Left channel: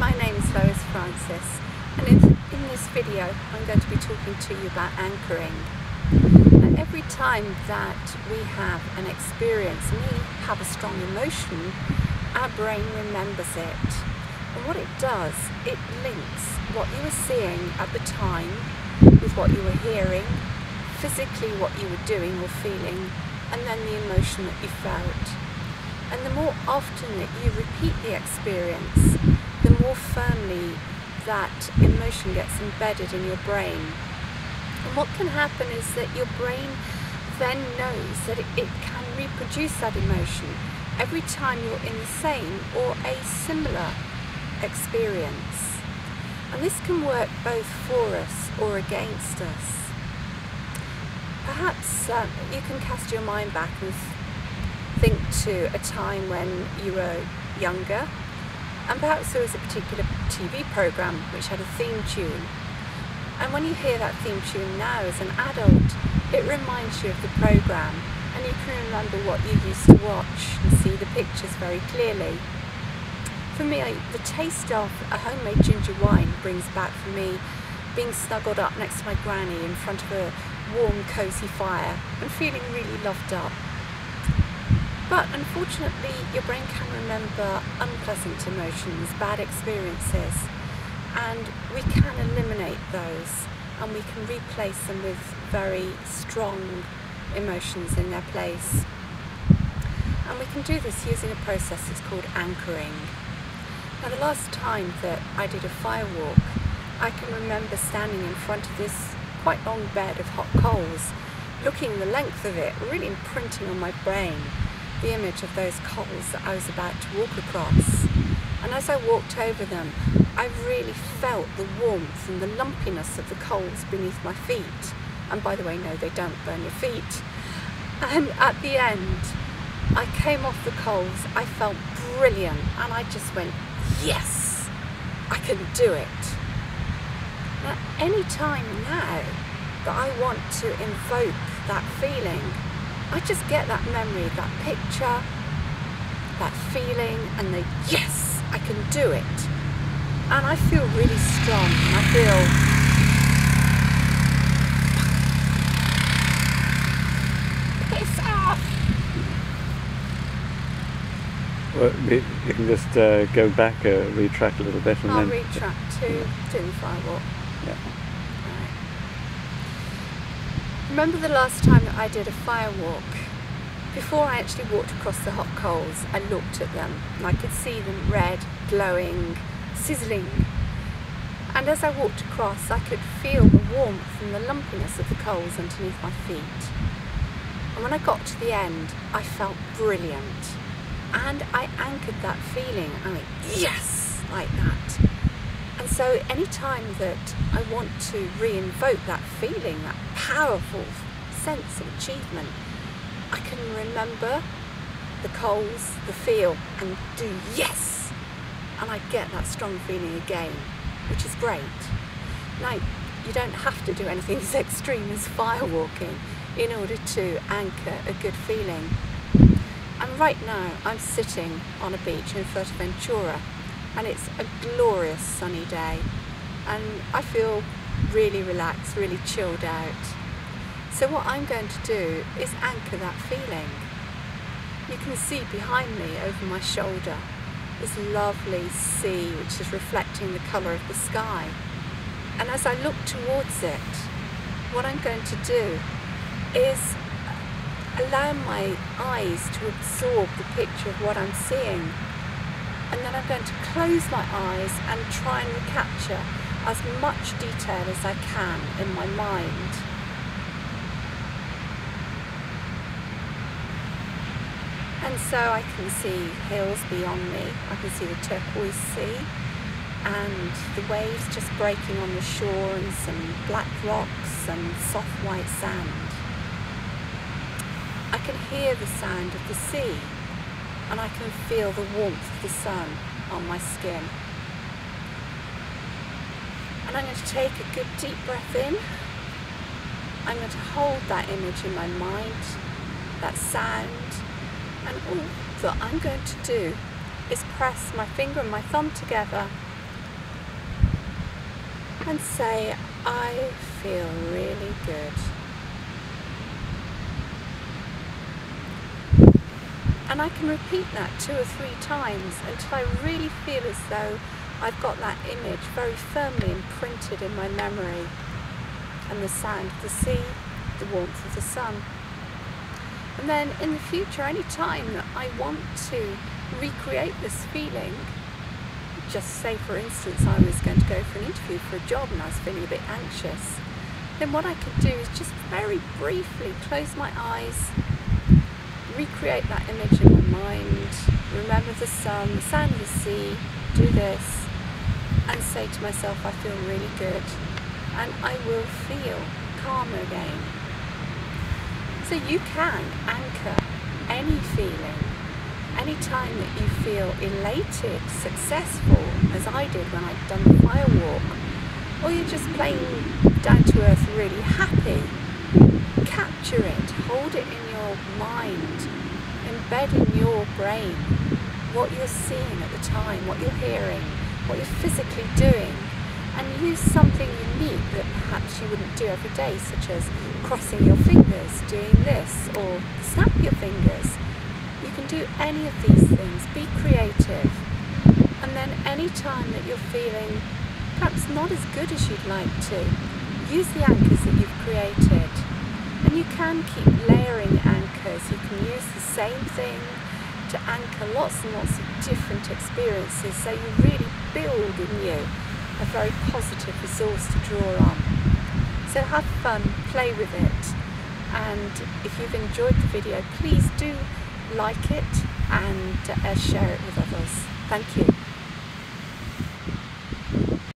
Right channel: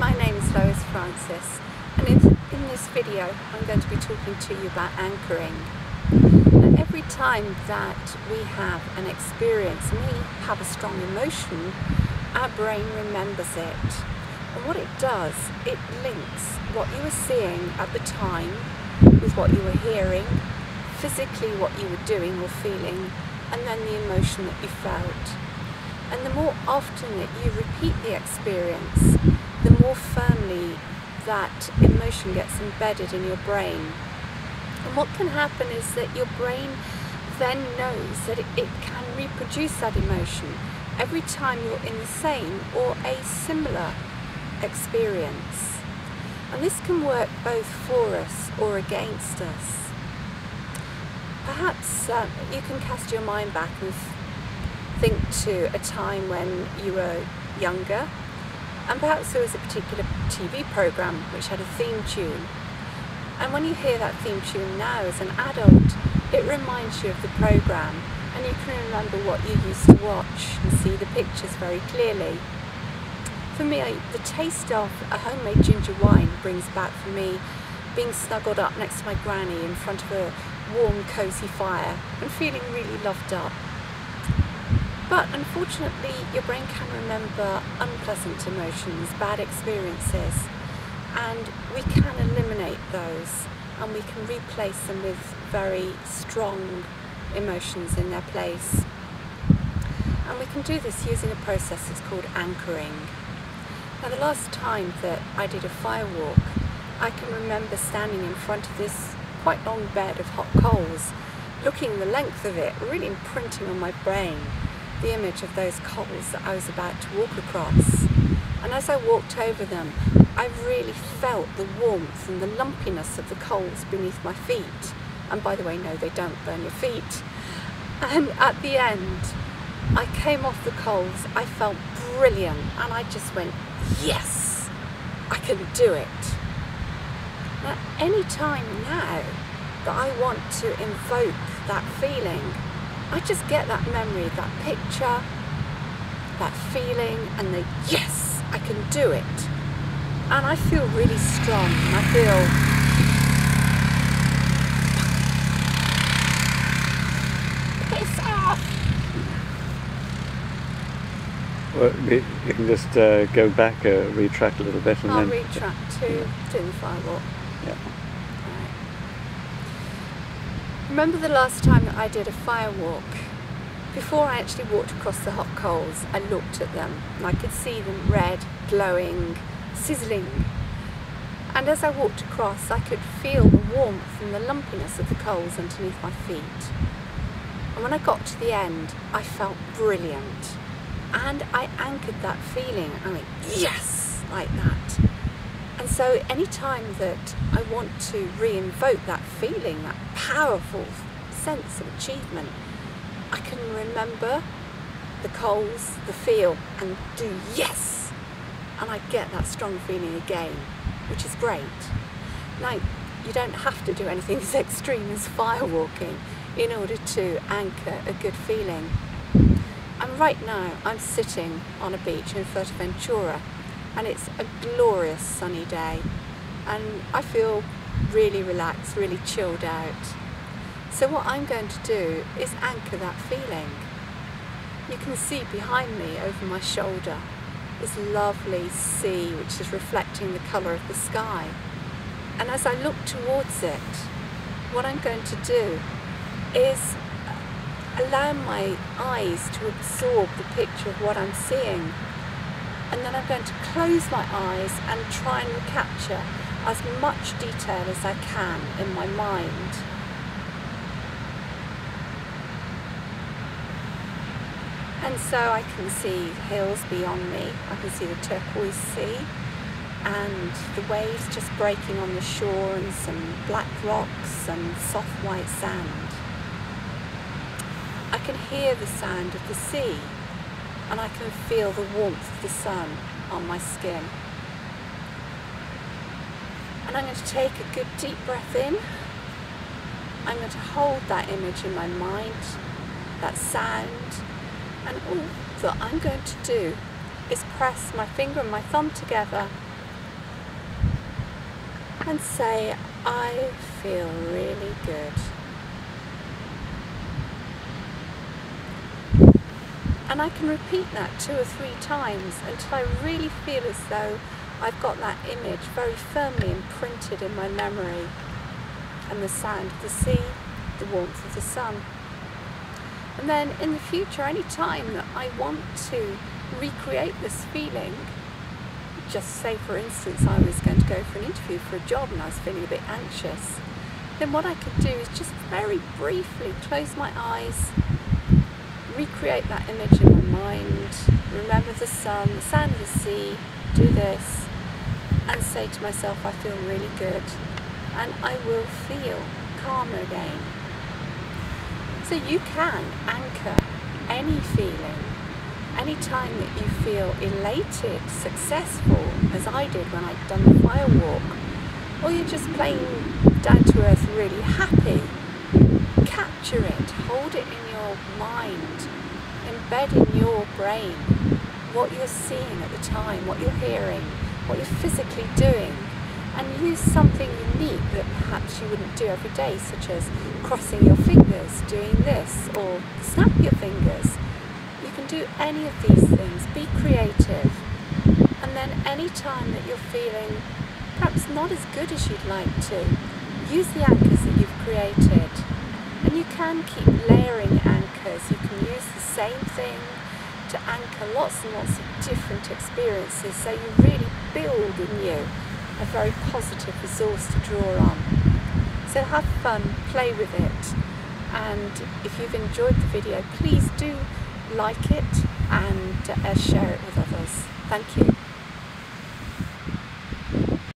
My name is Lois Francis, and in this video I'm going to be talking to you about anchoring. Now, every time that we have an experience and we have a strong emotion, our brain remembers it. And what it does, it links what you were seeing at the time with what you were hearing, physically what you were doing or feeling, and then the emotion that you felt. And the more often that you repeat the experience, the more firmly that emotion gets embedded in your brain. And what can happen is that your brain then knows that it can reproduce that emotion every time you're in the same or a similar experience. And this can work both for us or against us. Perhaps you can cast your mind back and think to a time when you were younger, and perhaps there was a particular TV program which had a theme tune. And when you hear that theme tune now as an adult, it reminds you of the program, and you can remember what you used to watch and see the pictures very clearly. For me, the taste of a homemade ginger wine brings back for me being snuggled up next to my granny in front of a warm, cosy fire and feeling really loved up. But unfortunately, your brain can remember unpleasant emotions, bad experiences, and we can eliminate those and we can replace them with very strong emotions in their place. And we can do this using a process that's called anchoring. Now, the last time that I did a fire walk, I can remember standing in front of this quite long bed of hot coals, looking the length of it, really imprinting on my brain the image of those coals that I was about to walk across. And as I walked over them, I really felt the warmth and the lumpiness of the coals beneath my feet. And by the way, no, they don't burn your feet. And at the end, I came off the coals, I felt brilliant, and I just went, yes, I can do it. Now, any time now that I want to invoke that feeling, I just get that memory, that picture, that feeling, and the yes, I can do it. And I feel really strong. I feel piss off. Well, you can just go back, retrack a little bit, and I'll then retrack to doing the fire walk. Yeah. Remember the last time that I did a fire walk? Before I actually walked across the hot coals, I looked at them and I could see them red, glowing, sizzling. And as I walked across, I could feel the warmth and the lumpiness of the coals underneath my feet. And when I got to the end, I felt brilliant. And I anchored that feeling. I went, yes, like that. And so any time that I want to re-invoke that feeling, that powerful sense of achievement, I can remember the coals, the feel, and do yes! And I get that strong feeling again, which is great. Now, you don't have to do anything as extreme as fire walking in order to anchor a good feeling. And right now, I'm sitting on a beach in Fuerteventura, and it's a glorious sunny day, and I feel really relaxed, really chilled out. So what I'm going to do is anchor that feeling. You can see behind me over my shoulder this lovely sea which is reflecting the colour of the sky. And as I look towards it, what I'm going to do is allow my eyes to absorb the picture of what I'm seeing. And then I'm going to close my eyes and try and recapture as much detail as I can in my mind. And so I can see hills beyond me, I can see the turquoise sea and the waves just breaking on the shore and some black rocks and soft white sand. I can hear the sound of the sea, and I can feel the warmth of the sun on my skin. And I'm going to take a good deep breath in. I'm going to hold that image in my mind, that sound, and all that I'm going to do is press my finger and my thumb together and say, I feel really good. And I can repeat that 2 or 3 times until I really feel as though I've got that image very firmly imprinted in my memory, and the sound of the sea, the warmth of the sun. And then in the future, any time that I want to recreate this feeling, just say for instance I was going to go for an interview for a job and I was feeling a bit anxious, then what I could do is just very briefly close my eyes, recreate that image in my mind, remember the sun, the sound of the sea, do this, and say to myself, I feel really good, and I will feel calmer again. So you can anchor any feeling, any time that you feel elated, successful, as I did when I'd done the fire walk, or you're just plain down to earth really happy. Capture it, hold it in your mind, embed in your brain what you're seeing at the time, what you're hearing, what you're physically doing, and use something unique that perhaps you wouldn't do every day, such as crossing your fingers, doing this, or snap your fingers. You can do any of these things, be creative, and then any time that you're feeling perhaps not as good as you'd like to, use the anchors that you've created. And you can keep layering anchors. You can use the same thing to anchor lots and lots of different experiences, so you really build in you a very positive resource to draw on. So have fun, play with it, and if you've enjoyed the video, please do like it and share it with others. Thank you.